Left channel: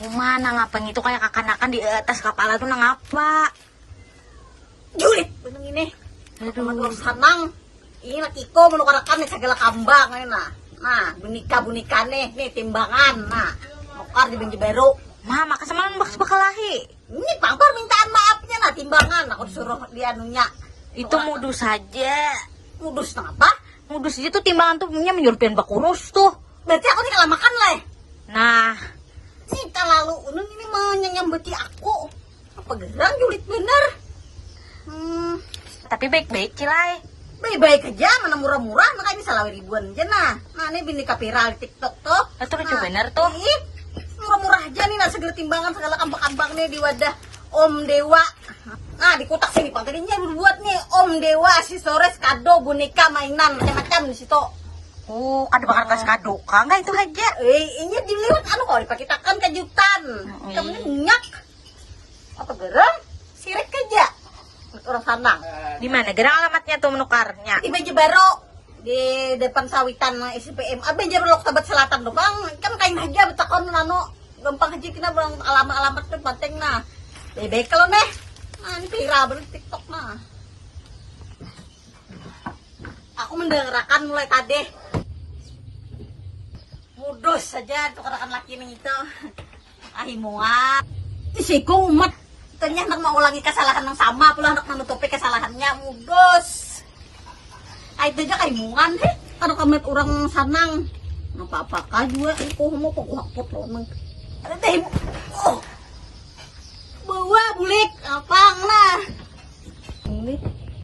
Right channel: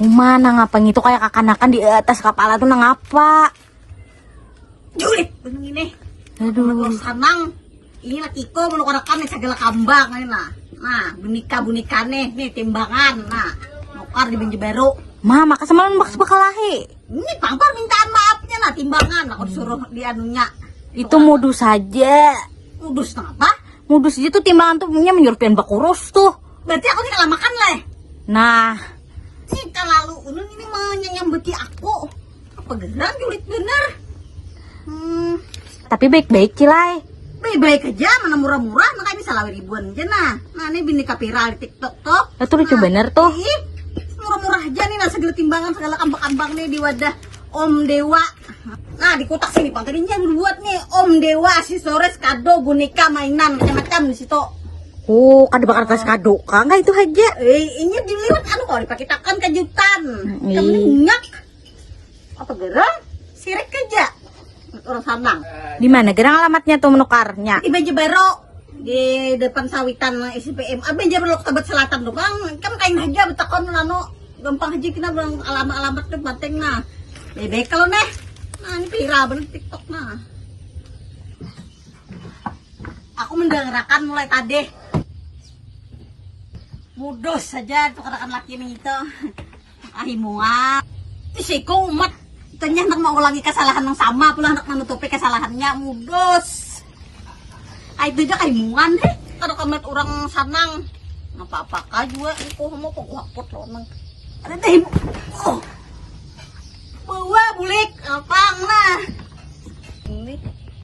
Mana ngapang itu kayak kakanakan di atas kepala tuh ngapa? Julit, bener ini. Aduh, sanang. Ini nakiko menukarakan segala kambang nah bunika nih timbangan nukar di Banji Baru. Mama kesemalan bakal lahi. Ini pampar mintaan maafnya timbangan aku disuruh di anunya. Itu modus saja. Modus apa? Modus itu timbangan tuh punya menyurutin bakurus tuh. Berarti aku tidak makan lah. Nah, Cinta lalu ini mau nyambeki aku. Apa gerang julit bener? tapi baik-baik Kilai. Baik aja, mana murah-murah, makanya bisa lah ribuan aja nah ini binika viral TikTok tuh. Itu lucu bener tuh. Murah-murah aja nih, segala timbangan, segala kambang-kambangnya di wadah Om Dewa. Nah, di kotak sini kontennya berbuat nih Om Dewa, aksesoris, kado, boneka, mainan, macam-macam di situ. Oh, ada bakal kasih kado kan? Enggak itu aja. Ini dilihat kalau dipakai takkan kejutan. Kamu nyak. Apa gerang? Sirik aja. Orang Sanang. Di mana jalan alamatnya tuh menukarnya? Di Banji Baru, di depan sawitan SPM. Abang Baru Lok Tebet Selatan dong bang. Kan kain aja betakon nano. Gampang aja kita bilang alamat tuh penting nah. Bebek kalau nih. Nah ini viral bener TikTok nah. Aku mendengarkan mulai tadi. Mudos saja tuh katakan laki nih itu. Makasih muat. Isiko umat. Ternyata hendak mengulangi kesalahan yang sama, pula hendak menutupi kesalahannya, mudos. Itu aja kaimuan deh, kalau kamet orang Sanang. Apa-apakah juga, aku mau pokok loh emang. Ada teh, bawa bulik, apa lah. Ini